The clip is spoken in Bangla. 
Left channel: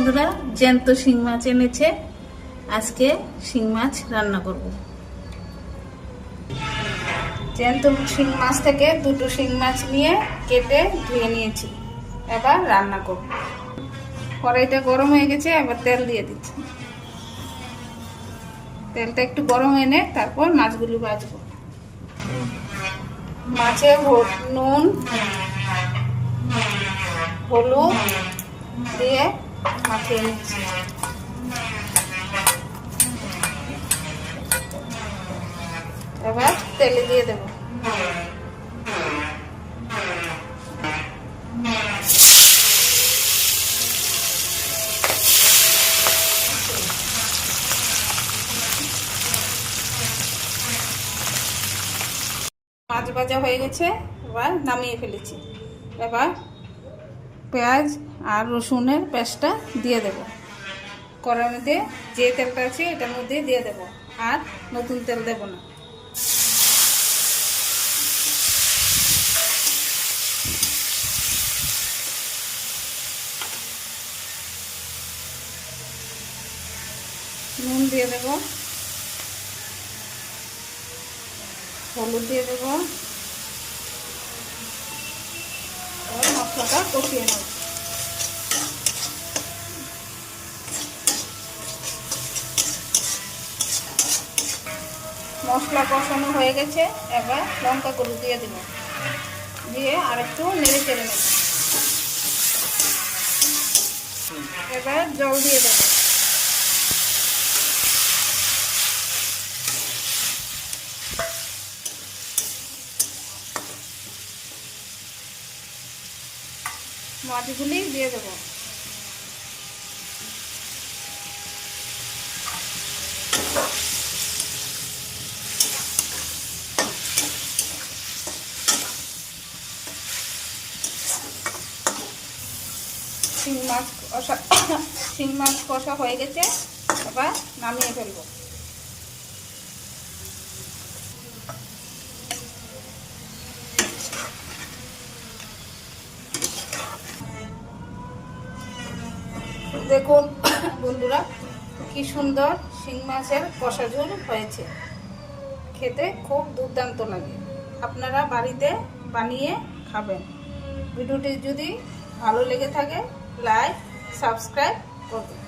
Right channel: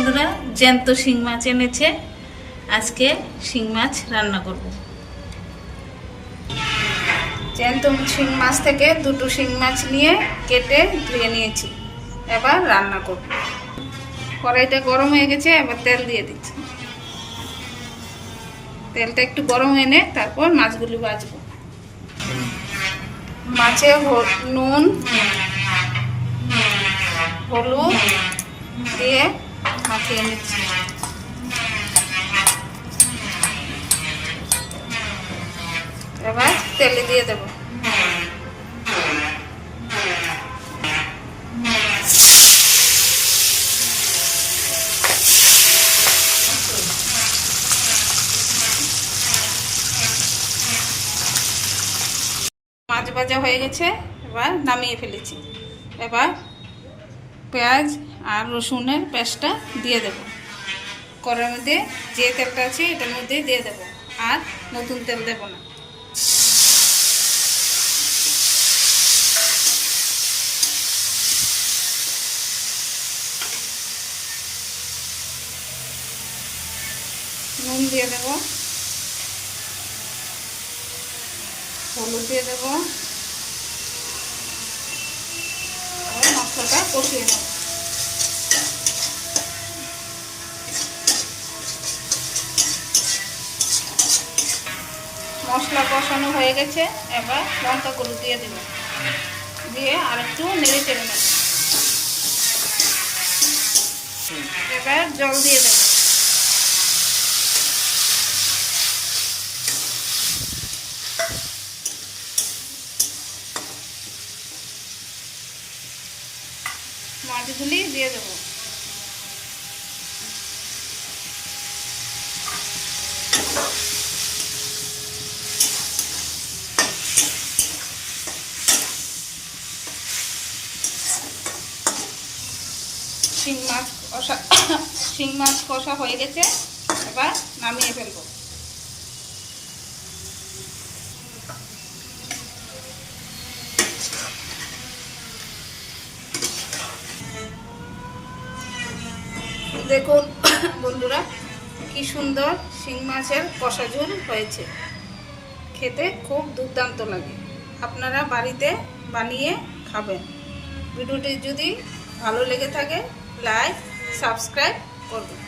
বন্ধুরা, জ্যান্ত শিং মাছ এনেছে। আজকে শিং মাছ রান্না করব। জ্যান্ত শিং মাছ থেকে দুটো শিং মাছ নিয়ে কেটে ধুয়ে নিয়েছি। এবার রান্না করব। কড়াইটা গরম হয়ে গেছে, এবার তেল দিয়ে দিচ্ছি। তেলটা একটু গরম এনে তারপর মাছগুলি ভাজবো। মাছে নুন, হলুদ দিয়ে মাখিয়ে নিচ্ছি। এবার তেলে দিয়ে দেব। মাছ ভাজা হয়ে গেছে, এবার নামিয়ে ফেলেছি। এবার পেঁয়াজ আর রসুনের পেস্টটা দিয়ে দেব। কড়াইয়ের মধ্যে যে তেলটা আছে এটার মধ্যে দিয়ে দেব, আর নতুন তেল দেব না। নুন দিয়ে দেব, হলুদ দিয়ে দেব, আর মশলাটা কষিয়ে নেব। মশলা কষানো হয়ে গেছে, এবার লঙ্কা গুঁড়ো দিয়ে দেব, দিয়ে আর একটু নেড়ে চেড়ে নেব। এবার জল দিয়ে দেব। মাছগুলি দিয়ে দেব। শিং মাছ কষা হয়ে গেছে, এবার নামিয়ে ফেলবো। দেখুন বন্ধুরা, কি সুন্দর শিং মাছের কষা ঝোল হয়েছে। খেতে খুব দুর্দান্ত লাগে। আপনারা বাড়িতে বানিয়ে খাবেন। ভিডিওটি যদি ভালো লেগে থাকে লাইক সাবস্ক্রাইব করবেন।